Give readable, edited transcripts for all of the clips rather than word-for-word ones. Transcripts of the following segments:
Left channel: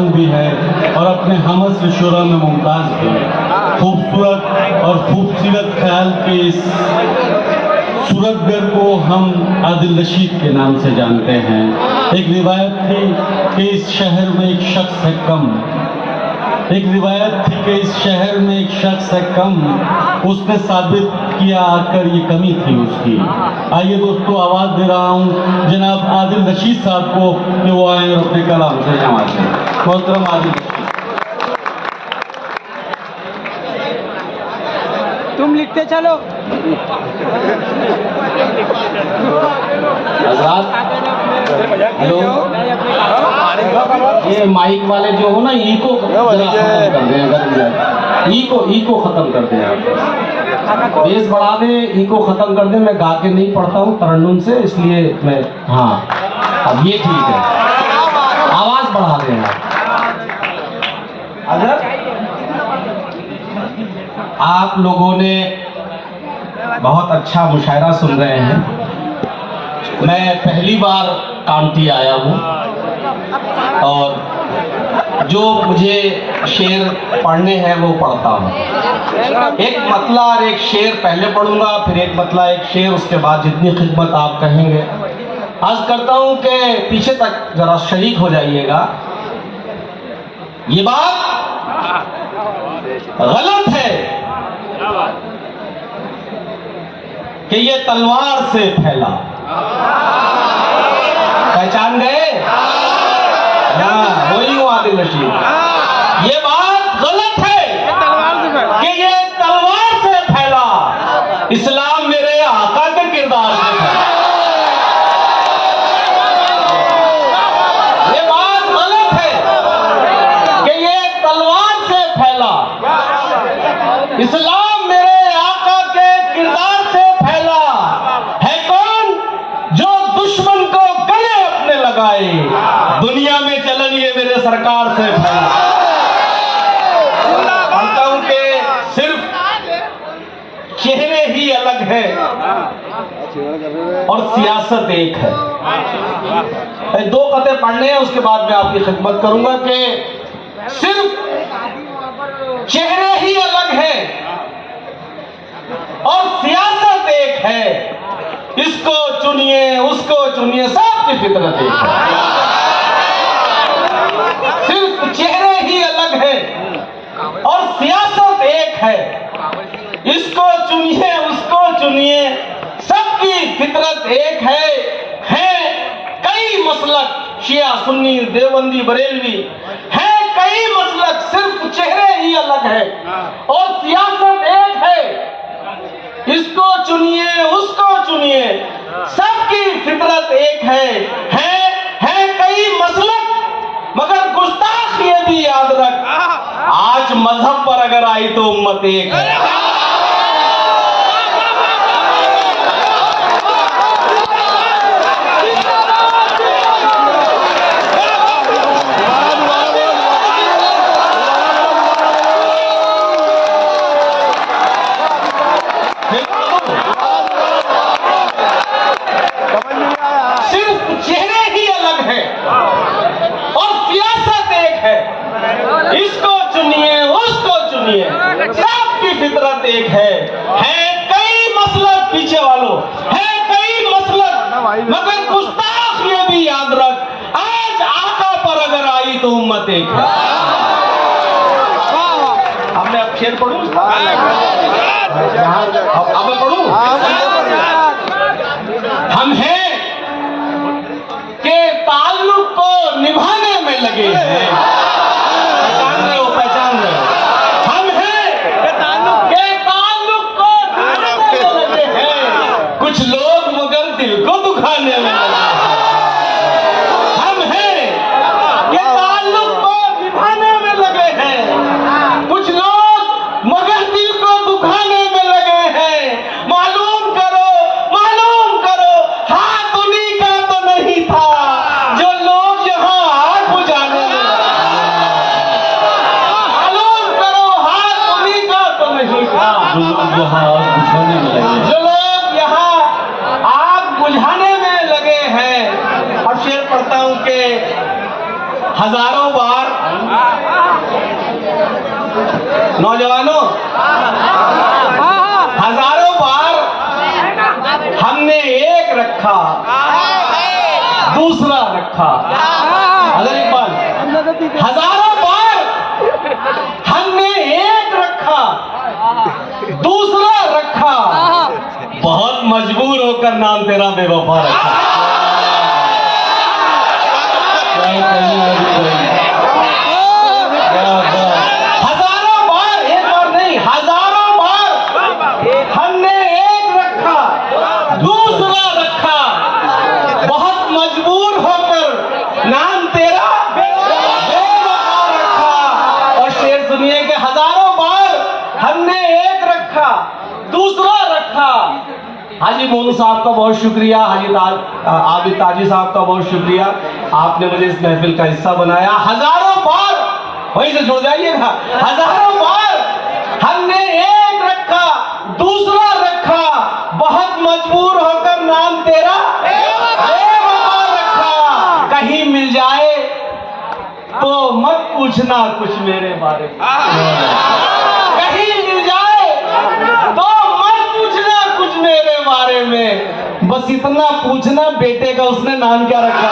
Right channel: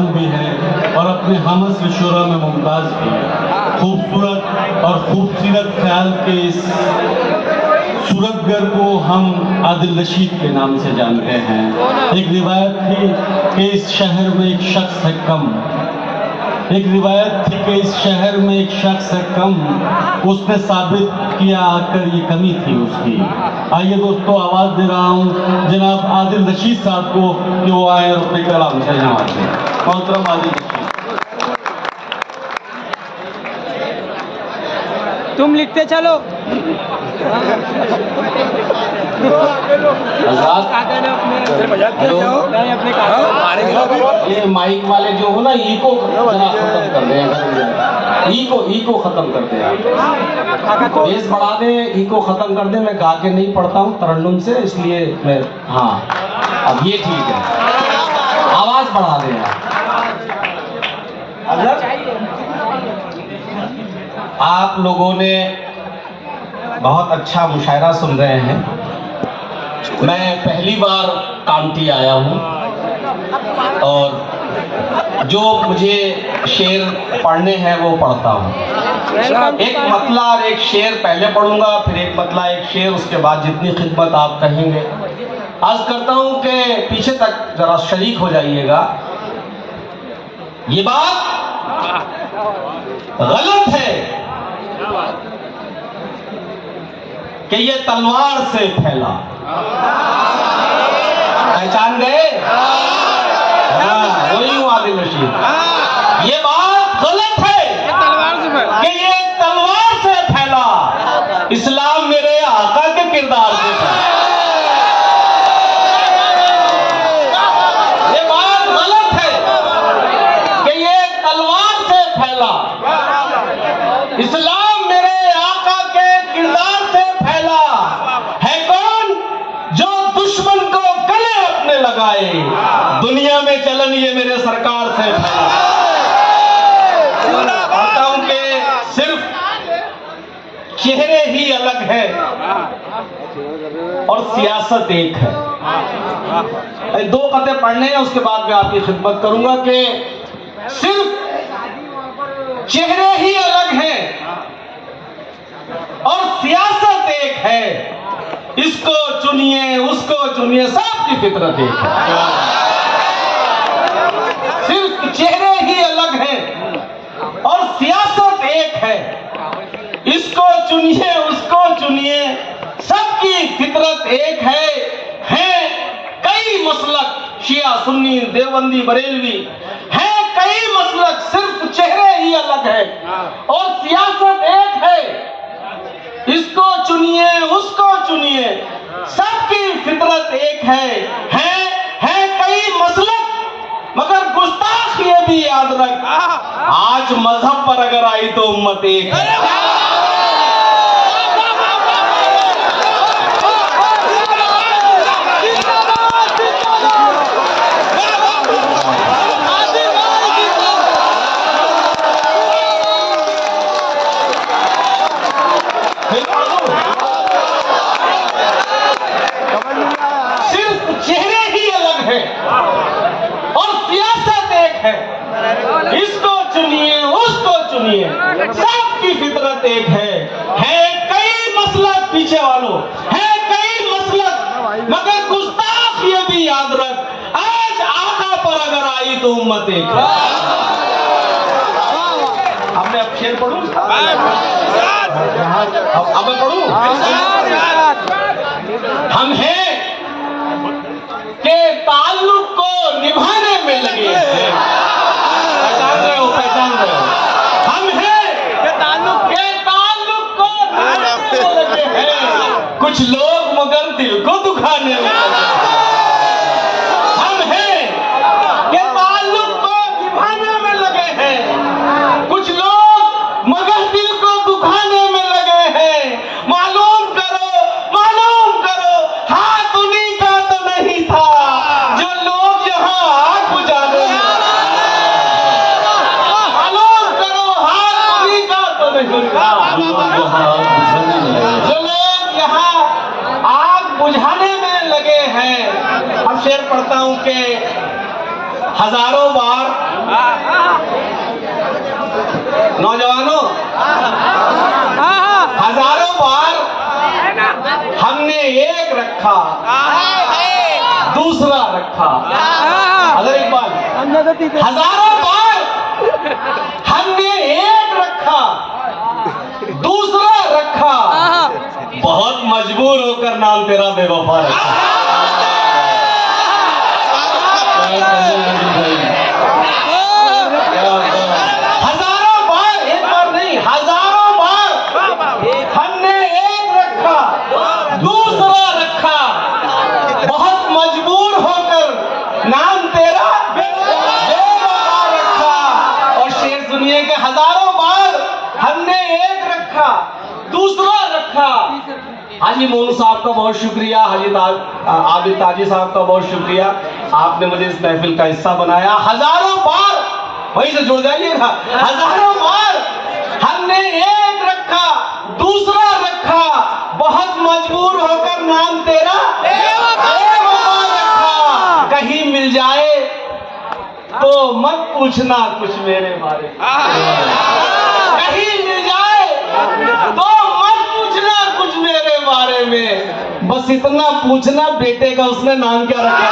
जवान भी है और अपने हमअस्र शोरों में मुमताज भी है। खूबसूरत और खूबसूरत ख्याल के इस सूरतगर को हम आदिल रशीद के नाम से जानते हैं। एक रिवायत थी कि इस शहर में एक शख्स है कम, एक रिवायत थी कि इस शहर में एक शख्स है कम, उसने साबित किया आकर ये कमी थी उसकी। आइए दोस्तों, आवाज दे रहा हूँ जनाब आदिल रशीद साहब को कि वो आए और अपने कलाम से हमारे मोहतरम आदिल। तुम लिखते चलो। ये माइक वाले जो हो ना, ई को जरा खत्म कर दें, अगर ई को खत्म कर दें, आप बेस बढ़ा दें, ई को खत्म कर दें। मैं गा के नहीं पढ़ता हूँ तरन्नुम से, इसलिए मैं, हाँ अब ये ठीक है, आवाज बढ़ा दें आप लोगों ने बहुत अच्छा मुशायरा सुन रहे हैं। मैं पहली बार कामटी आया हूँ और जो मुझे शेर पढ़ने हैं वो पढ़ता हूँ। एक मतला और एक शेर पहले पढ़ूंगा, फिर एक मतला एक शेर, उसके बाद जितनी खिदमत आप कहेंगे। आज करता हूँ कि पीछे तक जरा शरीक हो जाइएगा। ये बात गलत है कि ये तलवार से फैला, पहचान गए? हाँ, वही हूँ आदिल रशीद। ये बात गलत है कि ये तलवार से फैला, इस्लाम मेरे आका के किरदार से फैला। ये बात गलत है कि ये तलवार से फैला, इस्लाम मेरे आका के किरदार से फैला। है कौन जो दुश्मन को गले अपने लगाए, दुनिया में चलन ये मेरे सरकार से फैला। कहता हूं कि सिर्फ चेहरे ही अलग है और सियासत एक है। दो कते पढ़ने हैं, उसके बाद मैं आपकी खिदमत करूंगा कि सिर्फ चेहरे ही अलग है और सियासत एक है। इसको चुनिए, उसको चुनिए, सबकी फितरत एक है। सिर्फ चेहरे ही अलग है और सियासत एक है। इसको चुनिए, उसको चुनिए, सबकी फितरत एक है। कई मसलक, शिया, सुन्नी, देवबंदी, बरेलवी, है कई मसलक, सिर्फ चेहरे ही अलग है और सियासत एक है। इसको चुनिए, उसको चुनिए, सबकी फितरत एक है कई मसलक, मगर गुस्ताख ये भी याद रख, आज मजहब पर अगर आई तो उम्मत एक है। सिर्फ चेहरे ही अलग है और सियासत एक है। इसको चुनिए, उसको चुनिए, सबकी फितरत एक है कई मसलक, पीछे वालों, है कई मसलक, मगर गुस्ताख ये भी याद रख, आज आका पर अगर आई तो उम्मत एक है। अब मैं अब शेर पढ़ूं, अब मैं पढ़ूं। हम हैं के ताल्लुक को निभाने में लगे हैं। पहचान रहे हो? हम हैं के ताल्लुक को निभाने में लगे हैं। कुछ लोग मगर दिल को दुखाने में लगे हैं। हम हैं के ताल्लुक को निभाने में लगे हैं। कुछ लोग मगर दिल को दुखाने में लगे हैं। मालूम करो, हाथ उन्हीं का तो नहीं था जो लोग यहाँ आग बुझाने में लगे। मालूम करो, हाथ उन्हीं का तो नहीं था जो लोग यहाँ आग बुझाने में लगे हैं। अब शेर पढ़ता हूँ कि हजारों बार नौजवानों, हजारों बार हमने एक रखा, दूसरा रखा। अगर एक बार हजारों बार हमने एक रखा, दूसरा रखा, बहुत मजबूर होकर नाम तेरा बेवफा रखा। हजारों बार, एक बार नहीं, हजारों बार हमने एक रखा, दूसरा रखा, बहुत मजबूर होकर नाम तेरा बेवफा रखा। और शेर सुनिए कि हजारों बार हमने एक रखा, दूसरा रखा। हाजी मोनू साहब का बहुत शुक्रिया, आबिद ताजी साहब का बहुत शुक्रिया, आपने मुझे इस महफिल का हिस्सा बनाया। हजारों बार, वहीं से जुड़ जाइएगा, हजारों बार हमने एक रखा, दूसरा रखा, बहुत मजबूर होकर नाम तेरा बेवफा रखा। कहीं मिल जाए तो मत पूछना कुछ मेरे बारे में, कहीं मिल जाए तो मत पूछना कुछ मेरे बारे में, बस इतना पूछना बेटे का उसने नाम क्या रखा।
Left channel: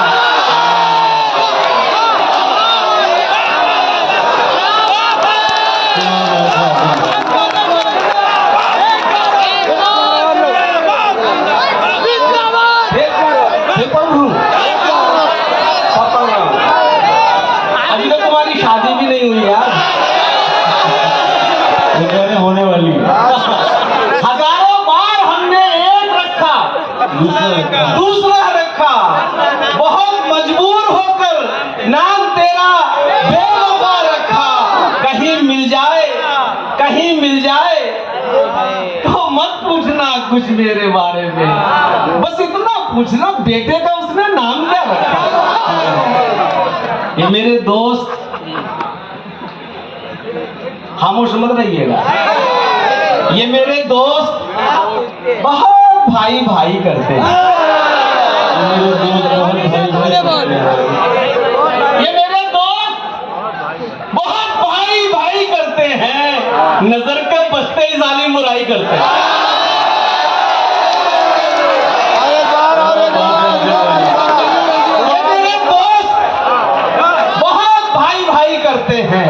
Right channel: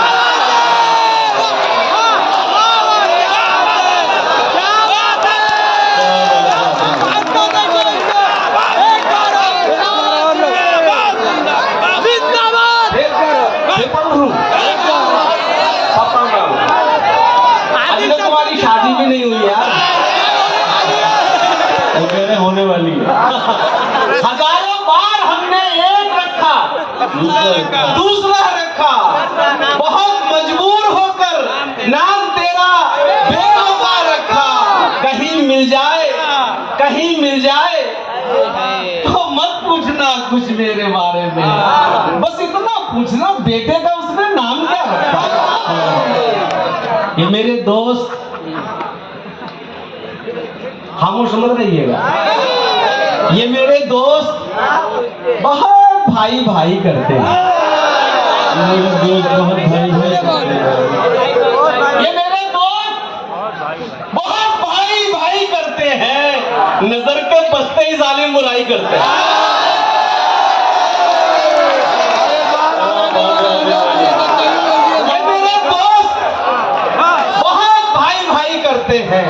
अभी तो तुम्हारी शादी भी नहीं हुई यार, वो कह रहे होने वाली है। हजारों बार हमने एक रखा, दूसरा रखा, बहुत मजबूर होकर नाम तेरा बेवफा रखा। कहीं मिल जाए, कहीं मिल जाए तो मत पूछना कुछ मेरे बारे में, बस इतना पूछना बेटे का उसने नाम क्या रखा। ये मेरे दोस्त, खामोश मत रहिएगा, ये मेरे दोस्त बहुत भाई भाई करते हैं, मेरे दोस्त बहुत भाई भाई करते हैं। ये मेरे दोस्त बहुत भाई भाई करते हैं, नजर के बसते ही जालिम बुराई करते हैं। ये मेरे दोस्त बहुत भाई भाई करते हैं,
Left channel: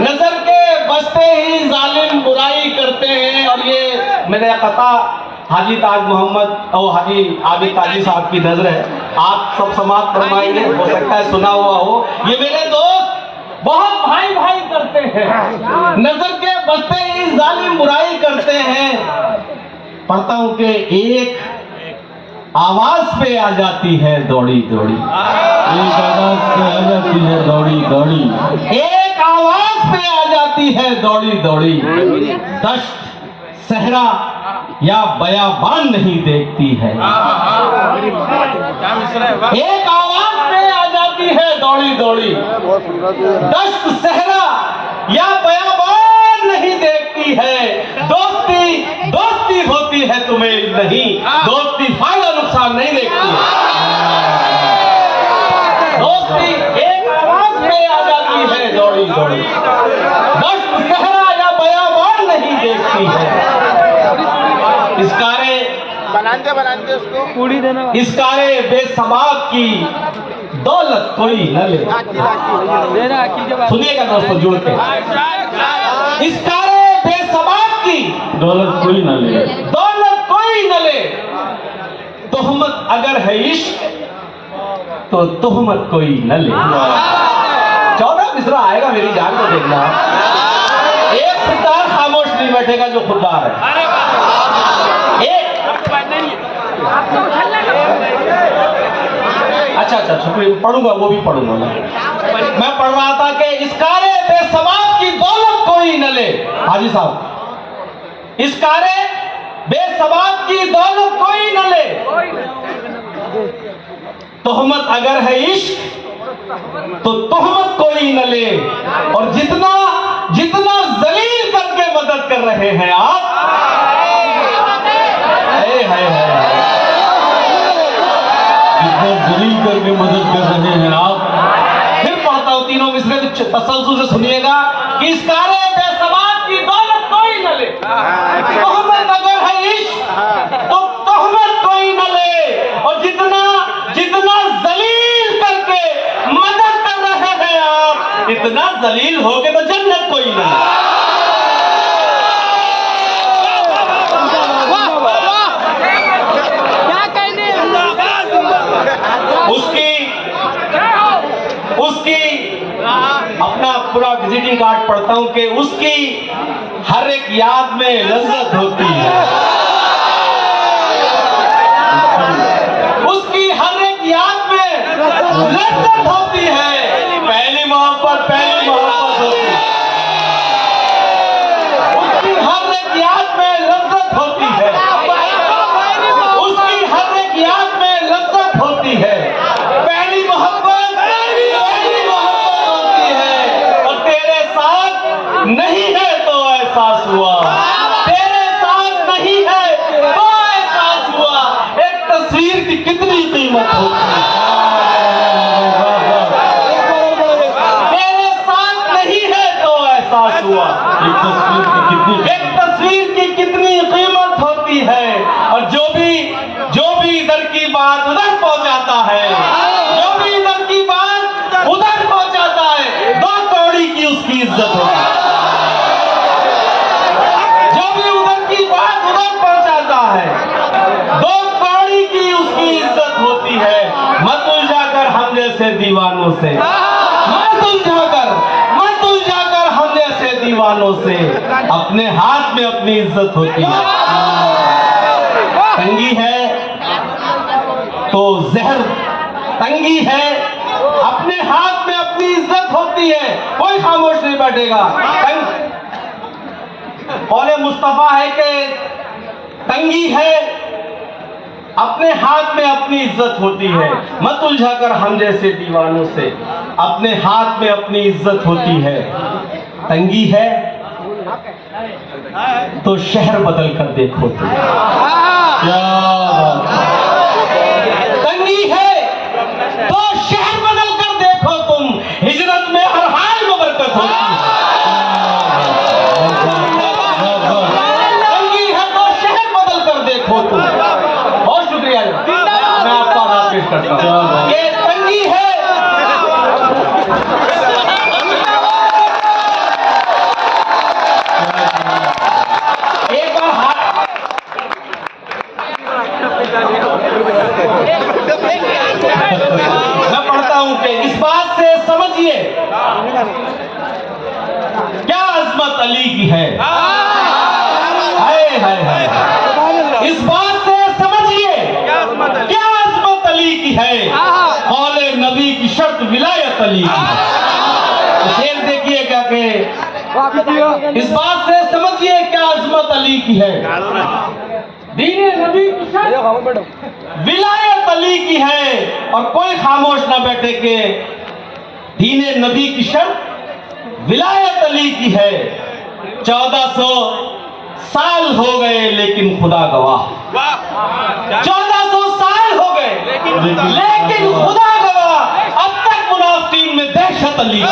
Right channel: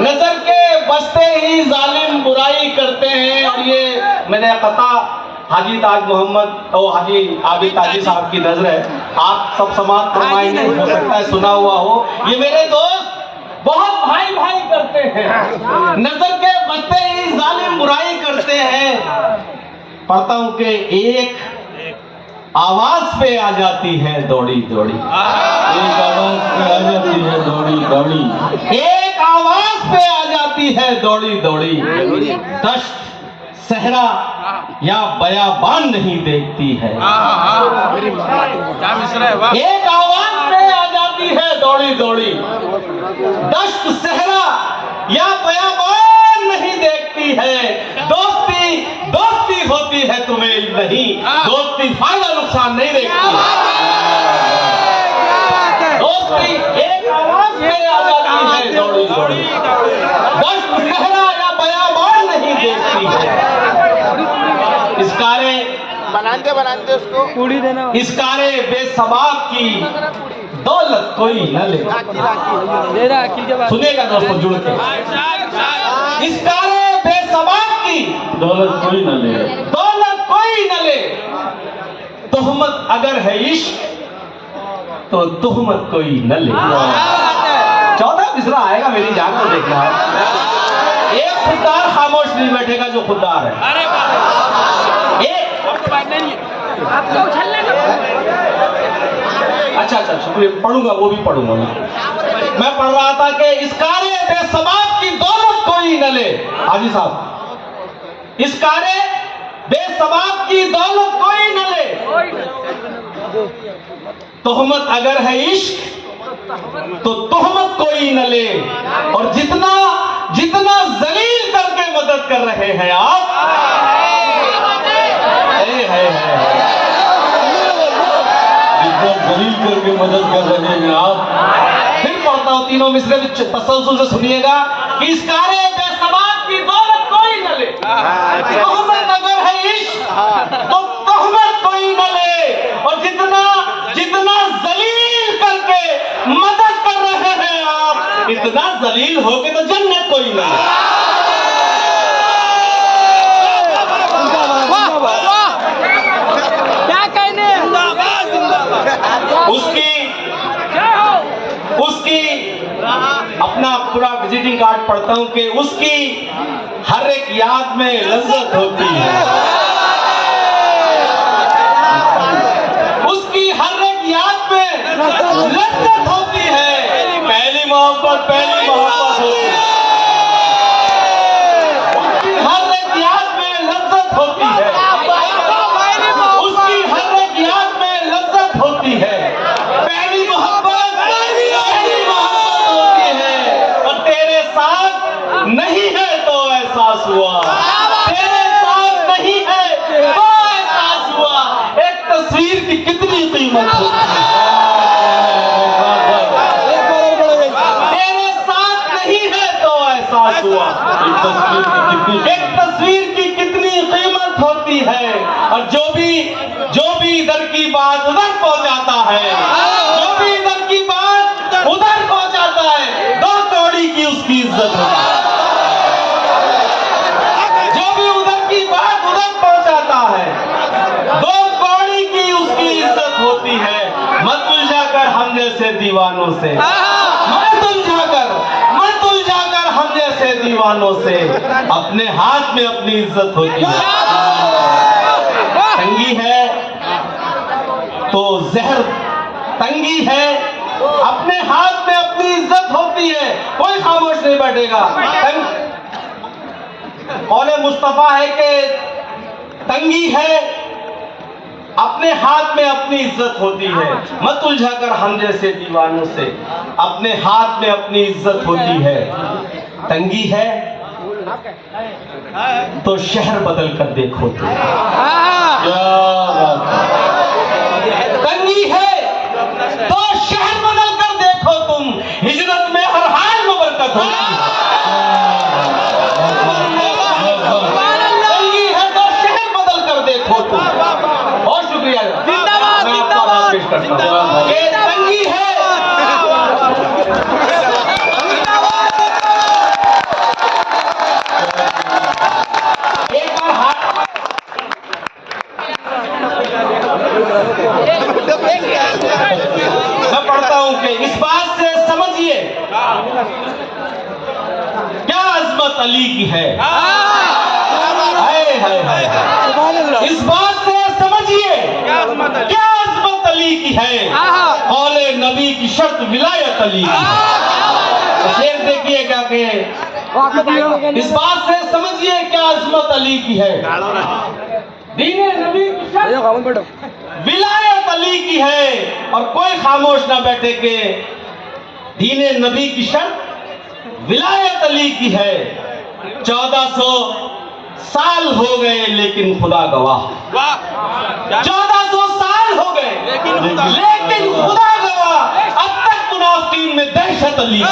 नजर के बसते ही जालिम बुराई करते हैं। और ये मेरे कथा हाजी ताज मोहम्मद और हाजी आबिद ताजी साहब की नजर है, आप सब समाज फरमाएंगे, हो सकता है सुना हुआ हो। ये मेरे दोस्त बहुत भाई भाई करते हैं, नजर के बसते ही जालिम बुराई करते हैं। पढ़ता हूं कि एक आवाज पे आ जाती है दौड़ी दौड़ी, एक आवाज पे आ जाती है दौड़ी दौड़ी, एक आवाज पे आ जाती है दौड़ी दौड़ी, दश्त सहरा या बयाबान नहीं देखती है। एक आवाज पे आ जाती है दौड़ी दौड़ी, दश्त सहरा या बयाबान नहीं देखती है। दोस्ती दोस्ती होती है तुम्हें नहीं, दोस्ती फायदा नुकसान नहीं देखती है। दोस्ती एक आवाज पे आ जाती है दौड़ी दौड़ी, दश्त सहरा या बयाबान नहीं देखती है। इसकारे बनाते उसको पूरी देना, इसकारे बेसबाब की दौलत कोई न ले। सुनेगा दोस्तों जुड़ के, इसकारे बेसबाब की दौलत कोई न ले, दौलत कोई न ले। तोहमत अगर है इश्क तो तोहमत कोई न ले। 14 मिसरा आएगा, मेरी जान को देखना। एक खुददार खामोश नहीं बैठेगा जो खुददार है। अच्छा शुक्रिया, पढ़ूंगा, वो भी पढ़ूंगा। मैं पढ़ रहा था कि इसकारे बेसबाब की दौलत कोई न ले। हाजी साहब, इसकारे बेसबाब की दौलत कोई न ले। तोहमत अगर है इश्क तो तोहमत कोई न ले। और जितना जितना जलील करके मदद कर रहे हैं आप, जितना जलील करके मदद कर रहे हैं आप। फिर पढ़ता हूं तीनों मिसरे तसल्सल से सुनिएगा कि इसकारे चले। तोहमत अगर है इश्क तो तोहमत कोई न ले, और जितना जितना जलील करके मदद कर रहे हैं आप, इतना जलील होके तो जन्नत कोई न ले। उसकी अपना पूरा विजिटिंग कार्ड पढ़ता हूं कि उसकी हर एक याद में लज्जत होती है, उसकी हर एक याद में लज्जत होती है। पहली मोहब्बत होती है, उसकी हर एक याद में लज्जत होती है, उसकी हर एक याद में लज्जत होती है। पहली मोहब्बत होती है, और तेरे साथ नहीं है तो एहसास हुआ, तेरे साथ नहीं है तो एहसास हुआ। एक तस्वीर की कितनी कीमत होती है, तेरे साथ नहीं है तो एहसास हुआ। एक तस्वीर की कितनी कीमत होती है, और जो भी इधर की बात उधर पहुंचाता है, जो भी इधर की बात उधर पहुंचाता है, 2 कौड़ी की उसकी इज्जत होती है। जो भी उधर की बात उधर पहुंचाता है, 2 कौड़ी की उसकी इज्जत होती है। मत उलझाकर हम जैसे दीवानों से, मत उलझाकर हम जैसे दीवानों से, अपने हाथ में अपनी इज्जत होती है। तंगी है तो जहर, तंगी है अपने हाथ में अपनी इज्जत होती है, कोई खामोश नहीं बैठेगा। कौले मुस्तफा है कि तंगी है अपने हाथ में अपनी इज्जत होती है। मत उलझाकर हम जैसे दीवानों से, अपने हाथ में अपनी इज्जत होती है। तंगी है तो शहर बदल कर देखो तुम, क्या बात है। तंगी है तो शहर बदल कर देखो तुम, हिजरत में हर हाल में बरकत होती है। तंगी है तो शहर बदल कर देखो तुम। बहुत शुक्रिया, मैं आपका आभार पेश करता हूं। ये तंगी है, एक बार मैं पढ़ता हूं कि इस बात से समझिए क्या अजमत अली की है। हाय हाय हाय, इस बात से समझिए क्या अजमत अली की है। कौले नबी की शर्त विलायत अली की है। तो शेर देखिए क्या कहे, इस बात से समझिए क्या अजमत अली की है। दीने नबी की शर्त विलायत अली की है, और कोई खामोश ना बैठे के दीने नबी की शर्त विलायत अली की है। 1400 साल हो गए लेकिन खुदा गवाह, 1400 साल हो गए लेकिन खुदा गवाह, अब तक मुनाफिकीन में दहशत अली की है।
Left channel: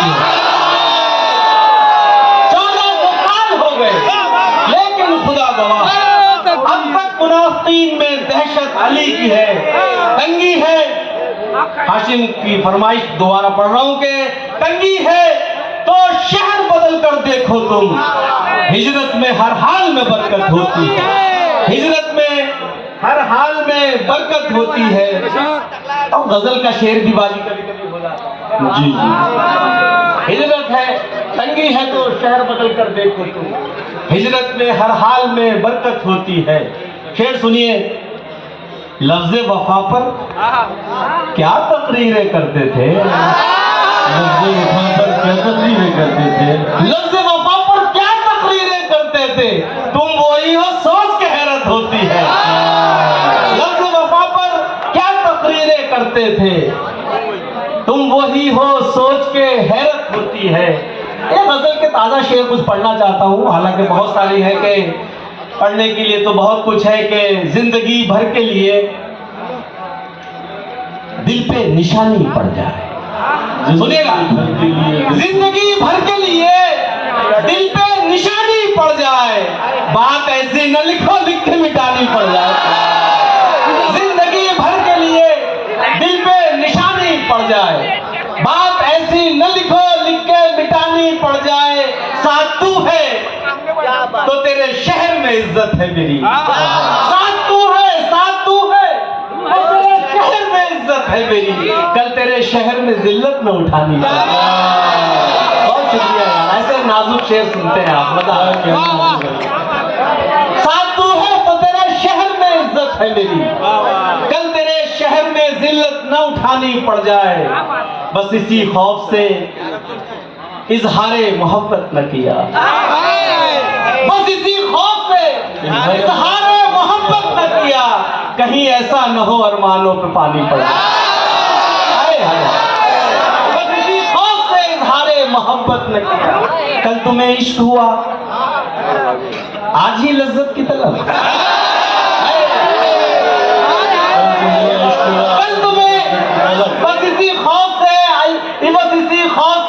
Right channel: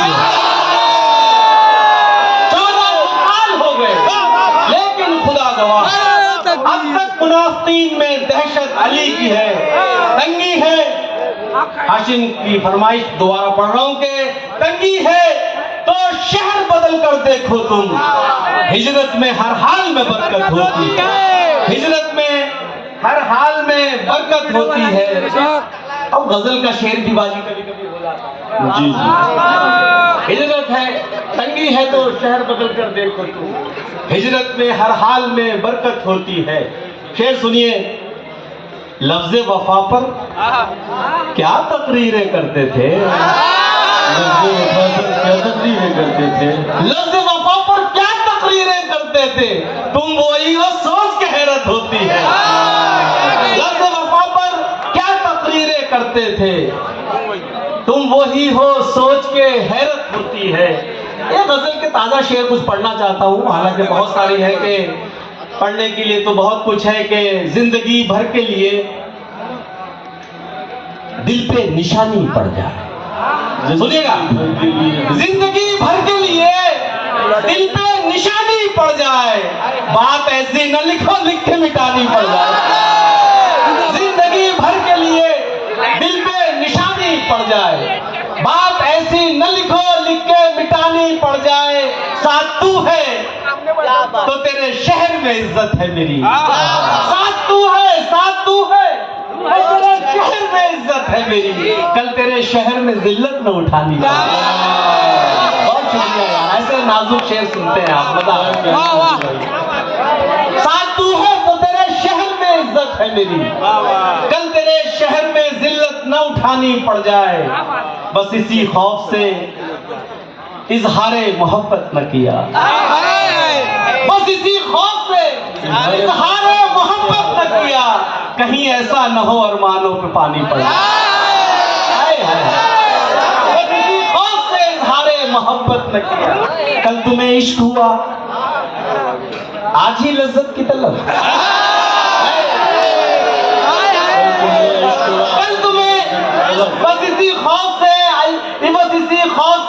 1400 साल हो गए लेकिन खुदा गवाह, अब तक मुनाफिकीन में दहशत अली की है। तंगी है, हाशिम की फरमाइश दोबारा पढ़ रहा हूं कि तंगी है तो शहर बदल कर देखो तुम, हिजरत में हर हाल में बरकत होती है, हिजरत में हर हाल में बरकत होती है। और गजल का शेर भी बाजी कभी कभी हो जाता है। जी जी, हिजरत है, तंगी है तो शहर बदल कर देखो तुम, हिजरत में हर हाल में बरकत होती है। शेर सुनिए, लफ्ज़े वफा पर क्या तकरीरें करते थे, लफ्ज़े वफा पर क्या तकरीरें करते थे, लफ्ज़े वफा पर क्या तकरीरें करते थे, तुम वही हो सोच के हैरत होती है। लफ्ज़े वफा पर क्या तकरीरें करते थे, तुम वही हो सोच के हैरत होती है। ये गजल के ताजा शेर कुछ पढ़ना चाहता हूँ, हालांकि बहुत सारी है कि पढ़ने के लिए तो बहुत कुछ है कि जिंदगी भर के लिए दिल पे निशानी पड़ जाए। सुनिएगा, जिंदगी भर के लिए दिल पे निशानी पड़ जाए, जाए, साथ तू है तो तेरे शहर में इज्जत है मेरी। साथ तू है, साथ तू है तो तेरे शहर में इज्जत है मेरी। कल तेरे शहर में जिल्लत न उठानी। बहुत शुक्रिया यार, ऐसे नाजुक शेर सुनते हैं आप, मजा आया। साथ तू है तो तेरे शहर में इज्जत है मेरी। कल तेरे शहर में जिल्लत न उठानी पड़ जाए, बस इसी खौफ से इजहारे मोहब्बत न किया। बस इसी खौफ से इजहारे मोहब्बत न किया, कहीं ऐसा न हो अरमानों पे पानी पड़ जाए। बस इसी खौफ से इजहारे मोहब्बत न किया। कल तुम्हें इश्क हुआ, आज ही लज्जत की तलब। कल तुम्हें बस इसी खौफ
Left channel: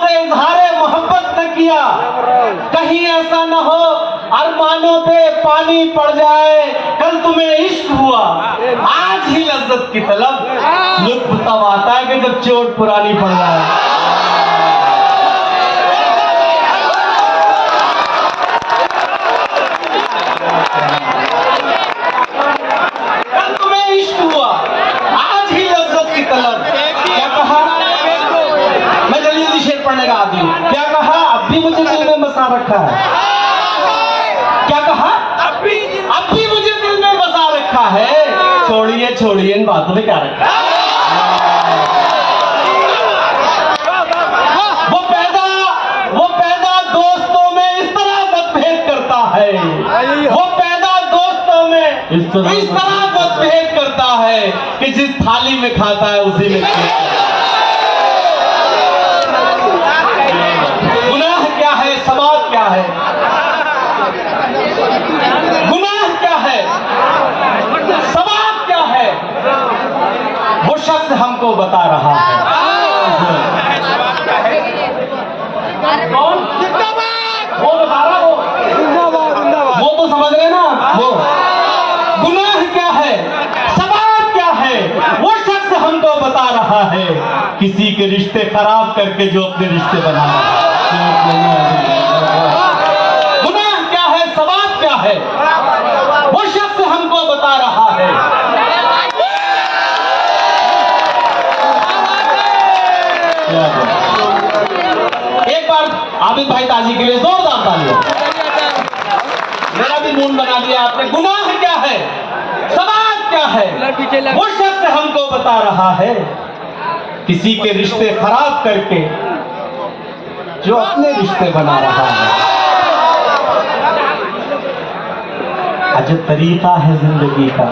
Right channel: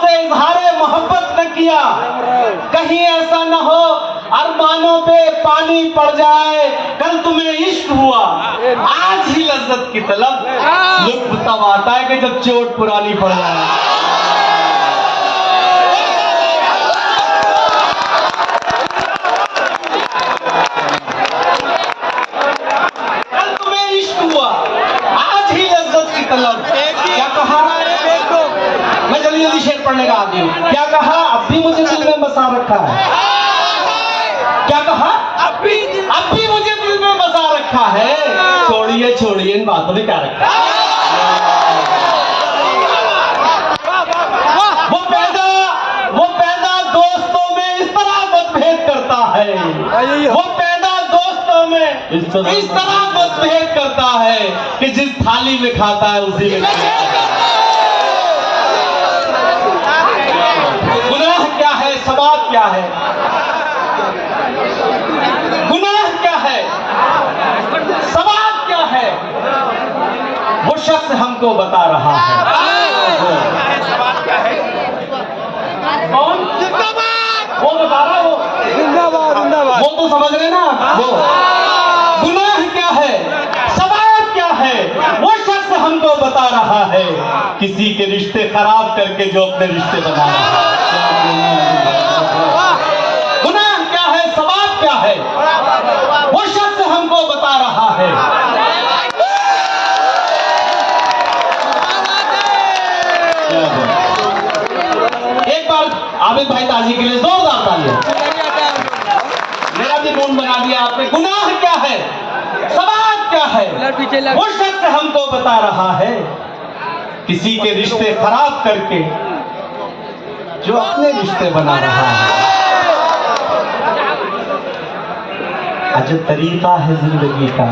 से इजहारे मोहब्बत न किया, कहीं ऐसा न हो अरमानों पे पानी पड़ जाए। कल तुम्हें इश्क हुआ, आज ही लज्जत की तलब। लुत्फ तब आता है कि जब चोट पुरानी पड़ जाए। क्या कहा? अब भी मुझे दिल में बसा रखा है। क्या कहा? अब भी मुझे दिल में बसा रखा है। छोड़िए छोड़िए इन बातों में क्या रखा है। वो पैदा दोस्तों में इस तरह मतभेद करता है। वो पैदा दोस्तों में इस तरह मतभेद करता है कि जिस थाली में खाता है उसी में सवाब क्या है, गुनाह क्या है, सवाब क्या है, वो शख्स हमको बता रहा है। वो बता रहा हो, वो तो समझ रहे ना। वो गुनाह क्या है, सवाब क्या है, वो शख्स हमको बता रहा है। किसी के रिश्ते खराब करके जो अपने रिश्ते बना रहा है। गुनाह क्या है, सवाब क्या है, वो शख्स हमको बता रहा है। एक बार आबिद भाई ताजी के लिए जोरदार तालियां। मेरा भी मूड बना दिया आपने। गुनाह क्या है, सवाब क्या है, वो शख्स हमको बता रहा है। किसी के रिश्ते खराब करके जो अपने रिश्ते बना रहा है। अजब तरीका है जिंदगी का,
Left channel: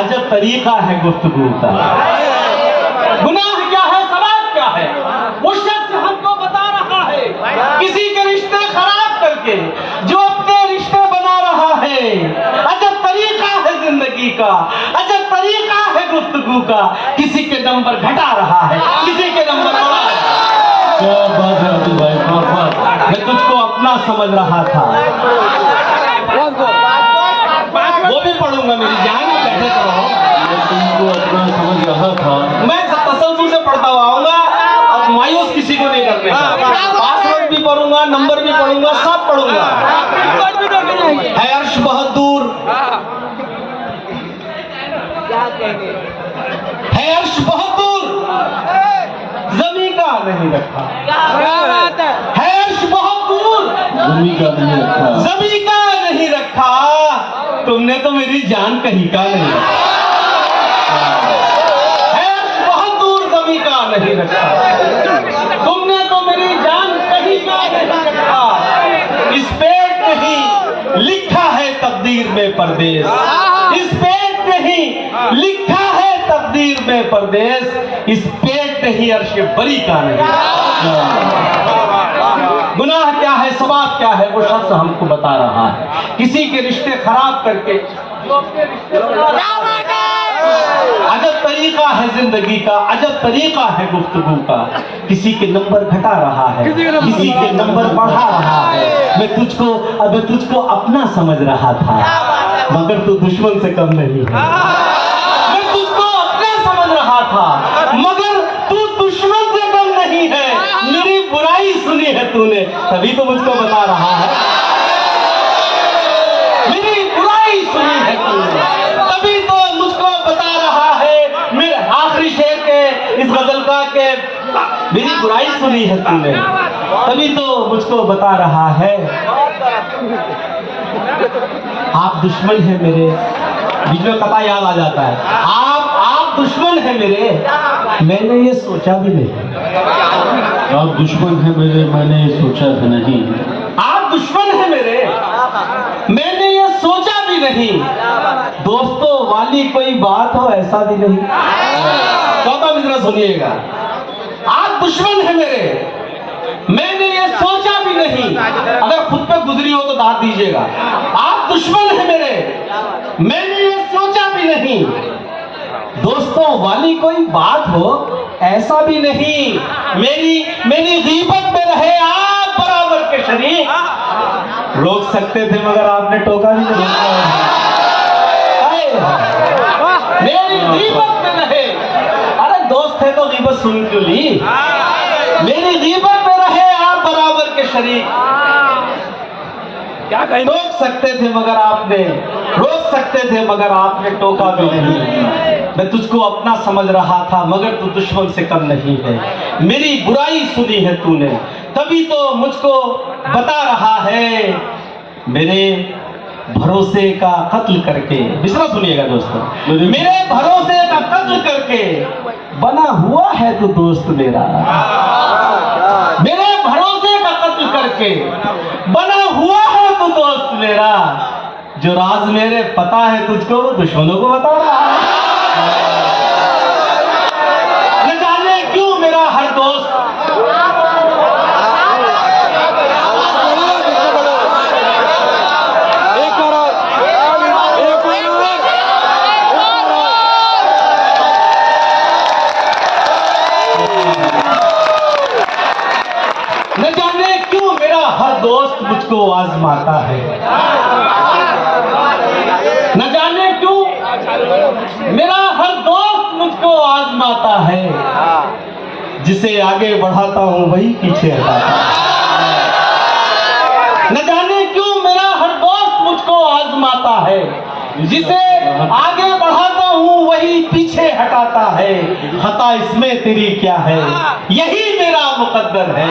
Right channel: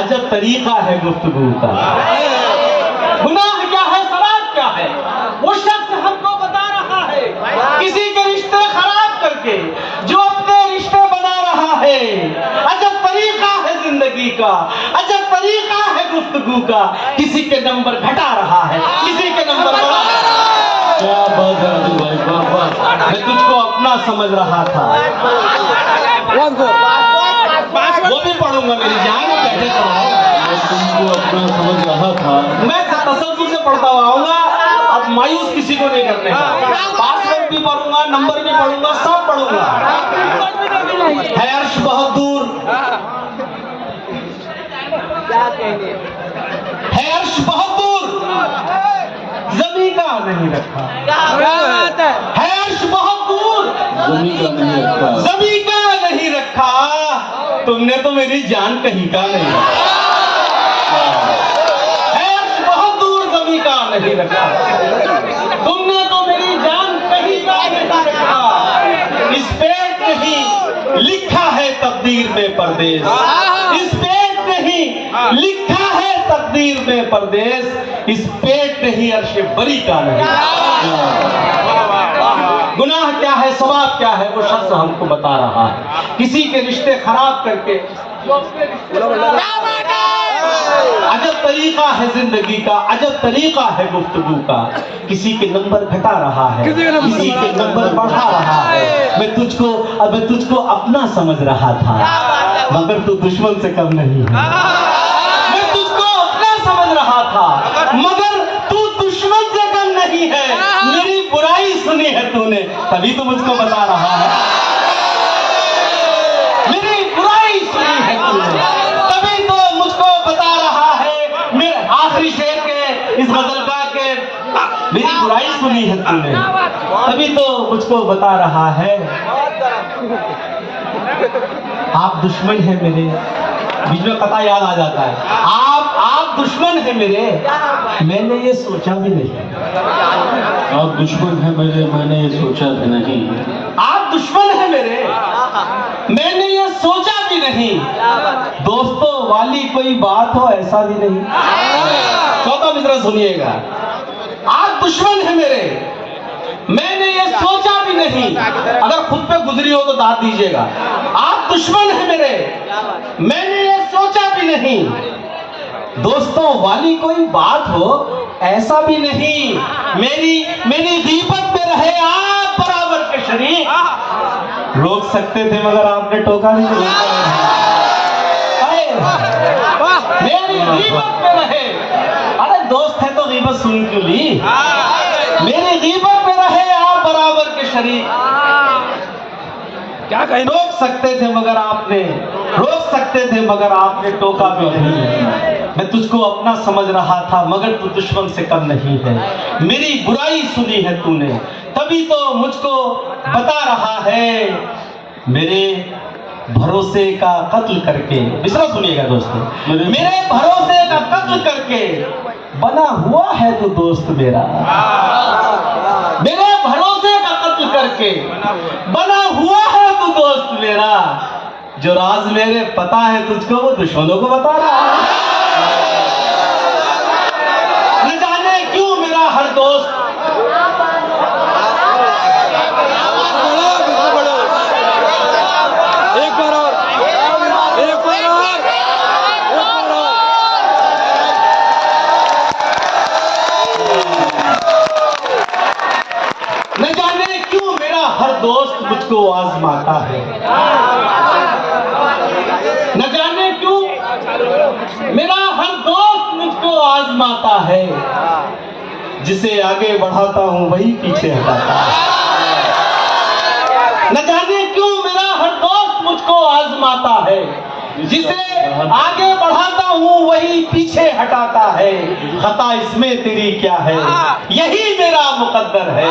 अजब तरीका है गुफ्तगू का। गुनाह क्या है, सवाब क्या है, वो शख्स हमको बता रहा है। किसी के रिश्ते खराब करके जो अपने रिश्ते बना रहा है। अजब तरीका है जिंदगी का, अजब तरीका है गुफ्तगू का। किसी के नंबर घटा रहा है, किसी के नंबर बढ़ा रहा है। क्या बात है भाई, मैं तुझको अपना समझ रहा था। वो भी पढ़ूंगा, मेरी जान बैठे करो। मैं तुमको अपना समझ रहा था। मैं तसल्जुल से पढ़ता आऊंगा, अब मायूस किसी को नहीं करने का। पासवर्ड भी पढ़ूंगा, नंबर भी पढ़ूंगा, सब पढ़ूंगा। है अर्श बहुत दूर, है अर्श बहुत दूर, जमीन का नहीं रखा। है अर्श बहुत दूर, जमीन का नहीं रखा। तुमने तो मेरी जान कहीं का नहीं रखा। है अर्श बहुत दूर, जमीन का नहीं रखा। तुमने तो मेरी जान कहीं का नहीं रखा। इस पेट नहीं लिखा है तकदीर में परदेस। इस पेट नहीं लिखा है तकदीर में परदेस। इस पेट नहीं अर्श बरी का नहीं। गुनाह क्या है, सवाब क्या है, वो शख्स हमको बता रहा है। किसी के रिश्ते खराब करके अजब तरीका है जिंदगी का, अजब तरीका है गुफ्तगू का। किसी के नंबर घटा रहा है, किसी के नंबर बढ़ा रहा है। मैं तुझको अपना समझ रहा था, मगर तू दुश्मन से कम नहीं है। मैं तुझको अपना समझ रहा था, मगर तू दुश्मन से कम नहीं है। मेरी बुराई सुनी है तूने, तभी तो मुझको बता रहा है, मेरी बुराई सुनी है तूने, तभी तो मुझको बता रहा है। मेरे आखिरी शेर के इस गजल का के मेरी बुराई सुनी है तूने, तभी तो मुझको बता रहा है। आप दुश्मन हैं मेरे, बीच में कथा याद आ जाता है। आप दुश्मन हैं मेरे, मैंने ये सोचा भी नहीं। आप दुश्मन हैं मेरे, मैंने ये सोचा भी नहीं। आप दुश्मन हैं मेरे, मैंने ये सोचा भी नहीं। दोस्तों वाली कोई बात हो ऐसा भी नहीं। चौथा मिसरा सुनिएगा। आप दुश्मन हैं मेरे, मैंने ये सोचा भी नहीं। अगर खुद पे गुजरी हो तो दाद दीजिएगा। आप दुश्मन हैं मेरे, मैंने ये सोचा भी नहीं। दोस्तों वाली कोई बात हो ऐसा भी नहीं। मेरी गीबत में रहे आप बराबर के शरीक। रोक सकते थे मगर आपने टोका नहीं रोका। मेरी गीबत में रहे, अरे दोस्त है तो गीबत सुन क्यों ली। मेरी गीबत में रहे आप बराबर के शरीक। क्या कहीं रोक सकते थे मगर आपने टोका भी नहीं। मैं तुझको अपना समझ रहा था मगर तू दुश्मन से कम नहीं है। मेरी बुराई सुनी है तूने, तभी तो मुझको बता रहा है। मेरे भरोसे का कत्ल करके, विश्वास सुनिएगा दोस्तों, मेरे भरोसे का कत्ल करके बना हुआ है तो दोस्त मेरा। मेरे भरोसे का कत्ल करके बना हुआ है तो दोस्त मेरा। जो राज मेरे पता है तुझको वो दुश्मनों को बता रहा है। न जाने क्यों मेरा हर दोस्त मुझको आजमाता है। न जाने क्यों मेरा हर दोस्त मुझको आजमाता है। जिसे आगे बढ़ाता हूं वही पीछे हटाता है। न जाने क्यों मेरा हर दोस्त मुझको आजमाता है। जिसे आगे बढ़ाता हूं वही पीछे हटाता है। खता इसमें तेरी क्या है, यही मेरा मुकद्दर है।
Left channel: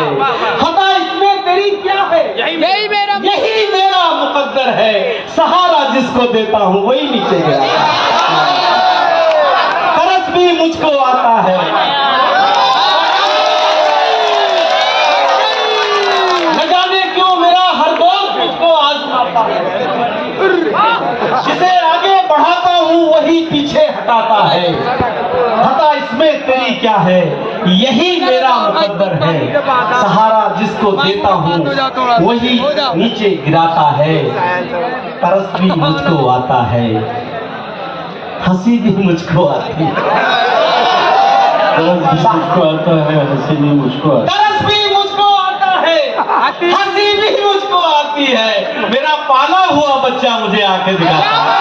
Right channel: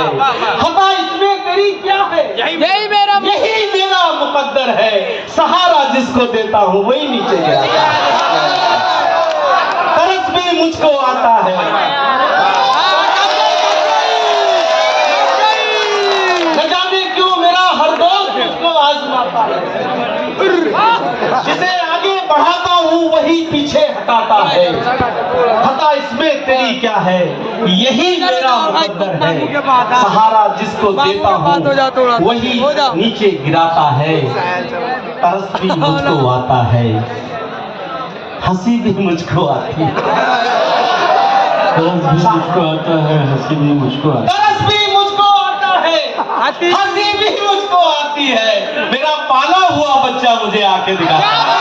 खता इसमें तेरी क्या है, यही मेरा मुकद्दर है। सहारा जिसको देता हूं वही नीचे गया। तरस भी मुझको आता है। न जाने क्यों मेरा हर दोस्त मुझको आजमाता है। जिसे आगे बढ़ाता हूं वही पीछे हटाता है। खता इसमें तेरी क्या है, यही मेरा मुकद्दर है। सहारा जिसको देता हूं वही नीचे गिराता है। तरस भी मुझको आता है, हंसी भी मुझको आती है। तरस भी मुझको आता है, हंसी भी मुझको आती है। तरस भी मुझको आता है, हंसी भी मुझको आती है। मेरा पाला हुआ बच्चा मुझे आंखें दिखाता है।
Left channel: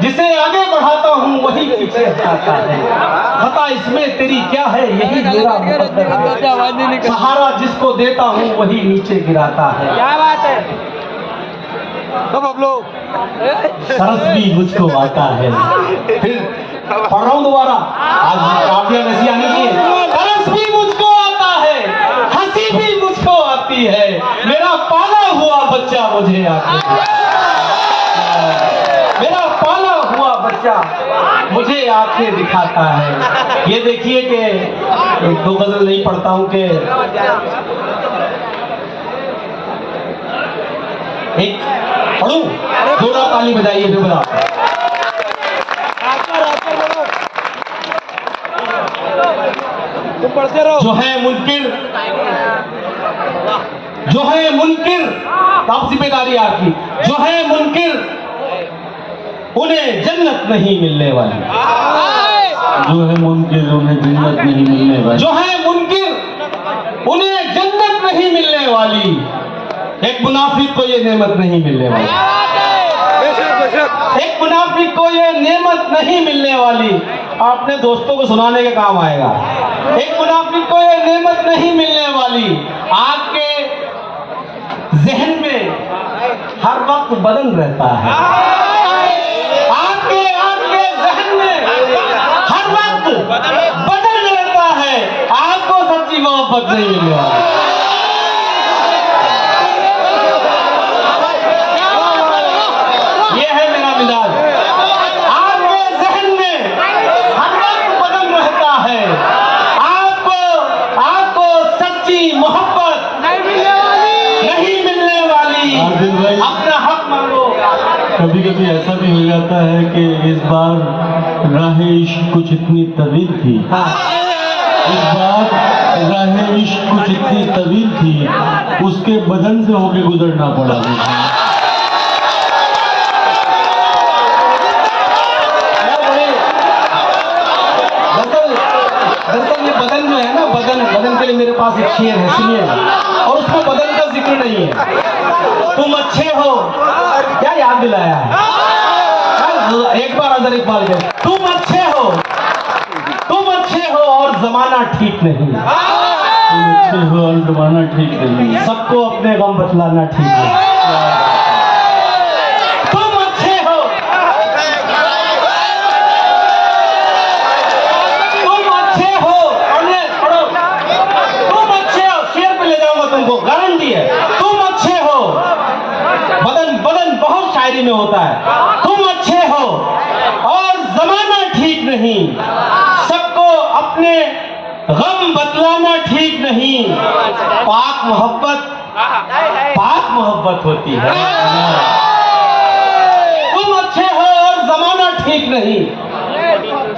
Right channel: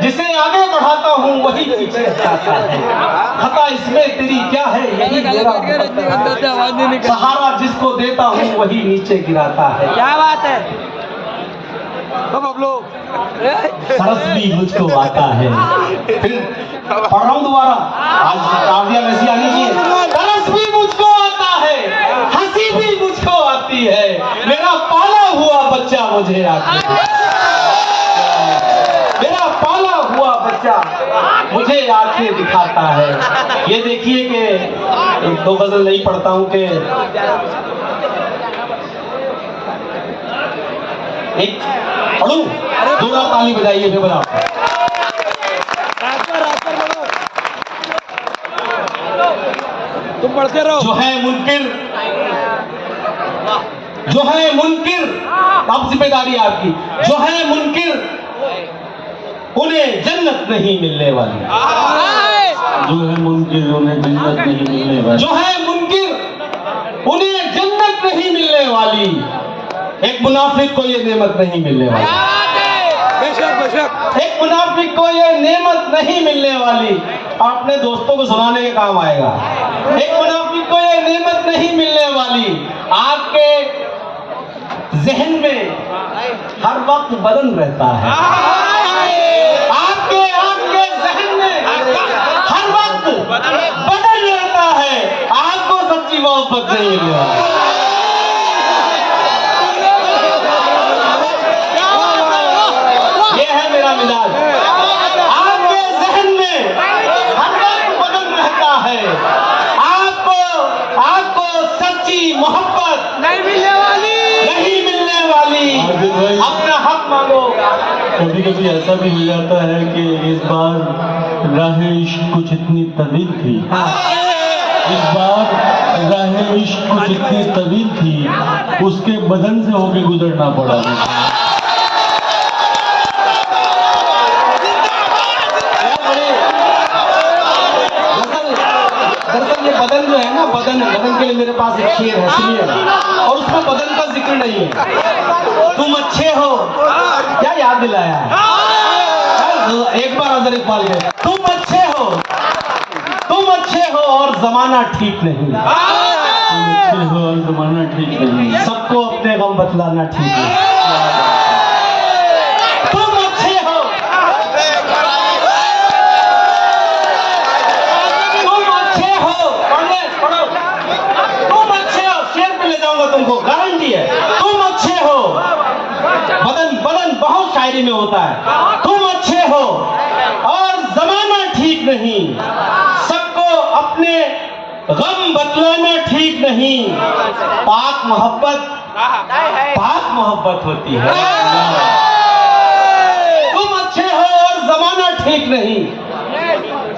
जिसे आगे बढ़ाता हूं वही पीछे हटाता है। खता इसमें तेरी क्या है, यही मेरा मुकद्दर है। सहारा जिसको देता हूं वही नीचे गिराता है। क्या बात है। तरस भी मुझको आता है। फिर पढ़ रहा हूं दोबारा, आज काव्या वैसी आनी चाहिए। तरस भी मुझको आता है, हंसी भी मुझको आती है। मेरा पाला हुआ बच्चा मुझे आती है। मेरा पाला हुआ बच्चा मुझे आंखें दिखाता है। ये देखिए कि एक दो गजल नहीं पढ़ता हूं कि एक पढ़ूं, जोड़ा ताली बजाइए फिर बजाओ। तुम पढ़ते रहो। जो है मुनकिर, तब जिम्मेदारी आपकी। जो है मुनकिर नहीं मिलने वाली। जो है मुनकिर उन्हें जन्नत नहीं मिलने वाली। जो है मुनकिर उन्हें जन्नत नहीं मिलने वाली। एक मुनाफिक को ये नेमत नहीं मिलने वाली। एक मुनाफिक को ये नेमत नहीं मिलने वाली। अपने दोस्तों को सुनाने के काम आएगा। एक मुनाफिक को ये नेमत नहीं मिलने वाली। आपके जहन में हर वक्त बदन रहता है। आपके जहन में हर वक्त बदन रहता है। आपको सच्ची मोहब्बत नहीं मिलने वाली। आपके जहन में हर वक्त बदल रहता है। आपको सच्ची मोहब्बत नहीं मिलने वाली। अपना हक मांगो। कभी कभी ऐसा भी हो जाता है कि इस बार राह इश्क कुछ इतनी तवील थी। इस बार राह इश्क कुछ इतनी तवील थी, उसके बदन से होके गुजरना पड़ा। दरअसल ये बदन जो है ना, बदन के लिए मेरे पास एक शेर है, सुनिए। और उसमें बदन का जिक्र नहीं है। तुम अच्छे हो, क्या याद दिलाया है? एक बार अदर इकबाल के, तुम अच्छे हो और जमाना ठीक नहीं। तुम अच्छे हो और जमाना ठीक नहीं। सबको अपने गम बतलाना ठीक है। गारंटी है, तुम अच्छे हो। बदन बहुत शायरी में होता है। तुम अच्छे हो और जमाना ठीक नहीं। सबको अपने गम बतलाना ठीक नहीं। पाक मोहब्बत होती है। तुम अच्छे हो और जमाना ठीक नहीं।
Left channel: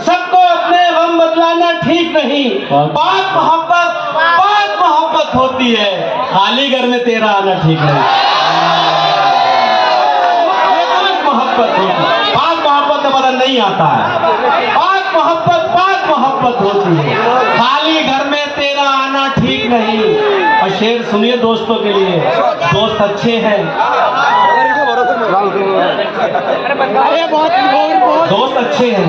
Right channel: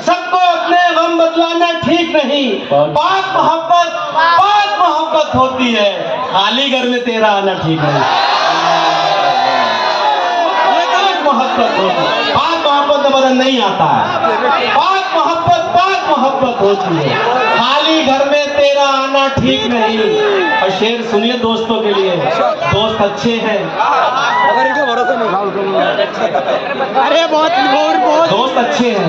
सबको अपने गम बतलाना ठीक नहीं। पाक मोहब्बत होती है। खाली घर में तेरा आना ठीक नहीं। मोहब्बत होती है। पाक मोहब्बत का बदन नहीं आता है। पाक मोहब्बत होती है। खाली घर में तेरा आना ठीक नहीं। और शेर सुनिए दोस्तों के लिए। दोस्त अच्छे हैं, दोस्त अच्छे हैं,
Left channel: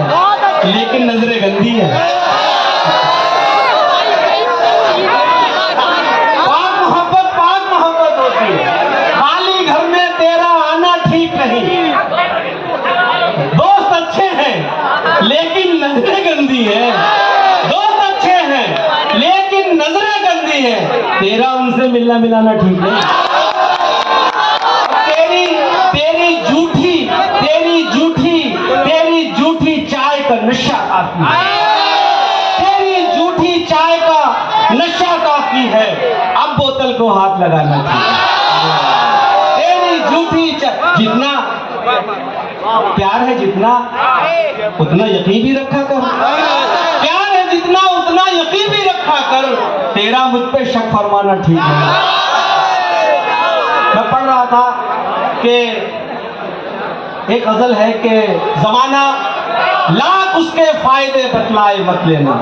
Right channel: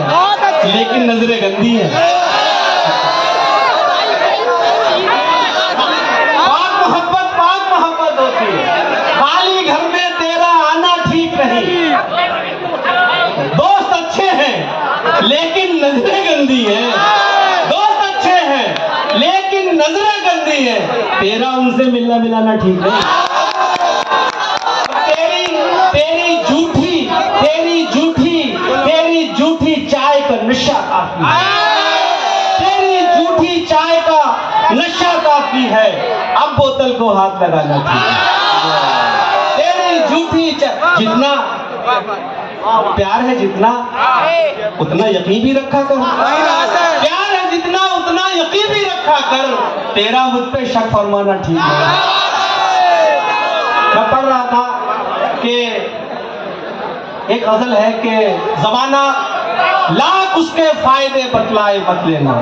लेकिन नजरें गंदी हैं। दोस्त अच्छे हैं लेकिन नजरें गंदी है। दोस्त अच्छे हैं लेकिन नजरें गंदी है। तेरा उनसे मिलना मिलाना ठीक नहीं। तेरी झूठी चाय का नशा काफी है। तेरी झूठी चाय का नशा काफी है। अब बोतल को हाथ लगाना ठीक है। तेरी झूठी चाय, जितना प्यार है जितना उतना यकीन भी रखा कर। प्यार है जितना उतना यकीन भी रखा कर। तेरा मुझ पे शक फरमाना ठीक है। मैं पढ़ रहा था कि एक गजल है कि जमाना लाख उसके फायदे बतलाए मत लेना।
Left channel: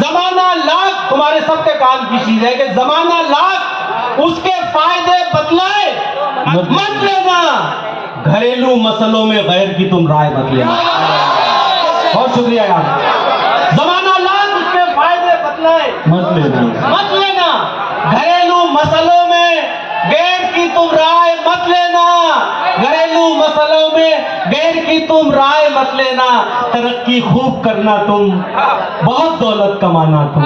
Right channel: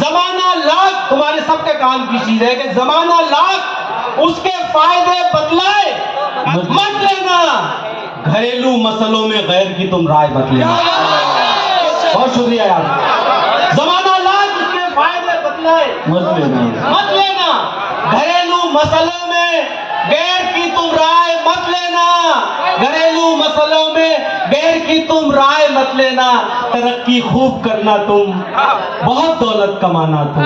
जमाना लाख, तुम्हारे सबके काम की चीज है कि जमाना लाख उसके फायदे बतलाए मत लेना। घरेलू मसलों में गैर की तुम राय मत लेना। बहुत शुक्रिया यार। जमाना लाख उसके फायदे बतलाए मत लेना। घरेलू मसलों में गैर की तुम राय मत लेना। घरेलू मसलों में गैर की तुम राय मत लेना। तरक्की खूब करना तुम, बहुत दौलत कमाना तुम।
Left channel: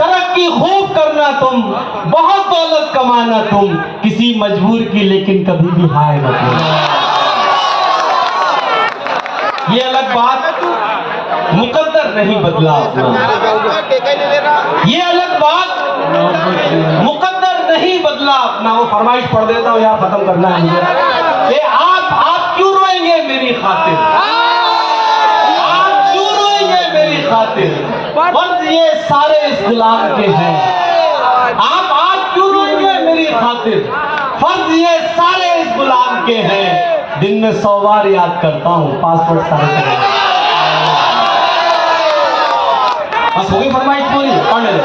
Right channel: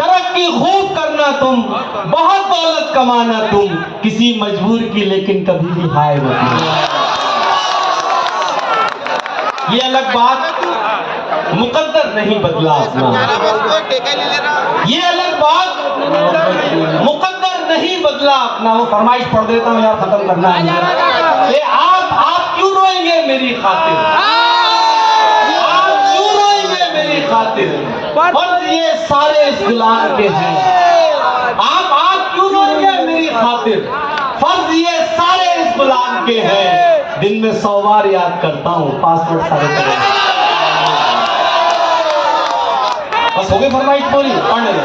तरक्की खूब करना तुम, बहुत दौलत कमाना तुम। किसी मजबूर की लेकिन कभी भी हाय मत लेना। ये अलग बात, मुकद्दर नहीं बदला अपना। ये अलग बात, मुकद्दर नहीं बदला अपना। वो फरमाइश पढ़ देता हूँ, यहाँ खत्म करना है। आप क्यों रोएंगे मेरी खातिर? आप क्यों रोएंगे मेरी खातिर? फर्ज ये सारे इस गुलाम के हैं। आप क्यों रोएंगे मेरी खातिर? फर्ज ये सारे इस गुलाम के हैं। दिन में 100 बार याद करता हूँ, पासवर्ड सारे करता हूँ। बस हो गई फरमाइश पूरी, पढ़ने लो।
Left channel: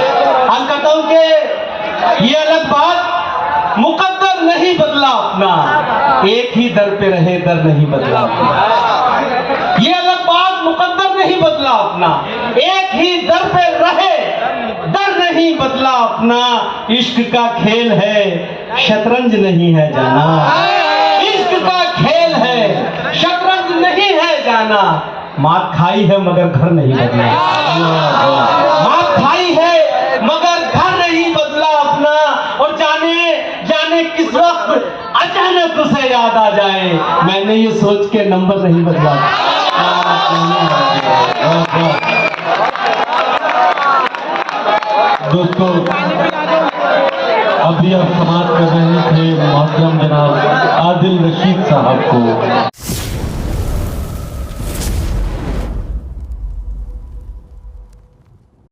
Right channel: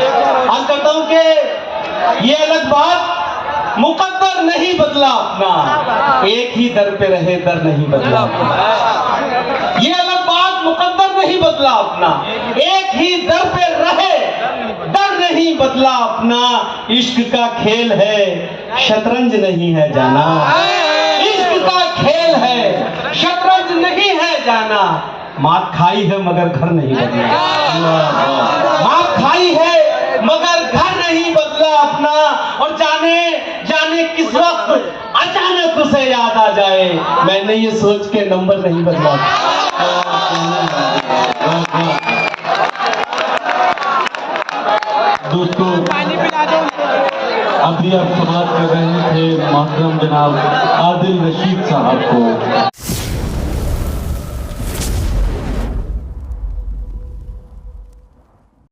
आज करता हूँ कि ये अलग बात, मुकद्दर नहीं बदला अपना, एक ही दर पे रहे दर नहीं बदला अपना। ये अलग बात, मुकद्दर नहीं बदला अपना, एक ही दर पे रहे दर नहीं बदला अपना। इश्क का खेल है, शतरंज नहीं है जाना। इश्क का खेल है, शतरंज नहीं है जाना। माँ खाई है मगर घर नहीं बदला, माँ खाई है मगर घर नहीं बदला अपना। और जाने जाने किस वक्त अचानक उसे याद आ जाए, मैंने ये सोच के नंबर नहीं बदला। दोस्तों, अभी आप समाप्त कर रहे थे मोहतरम जनाब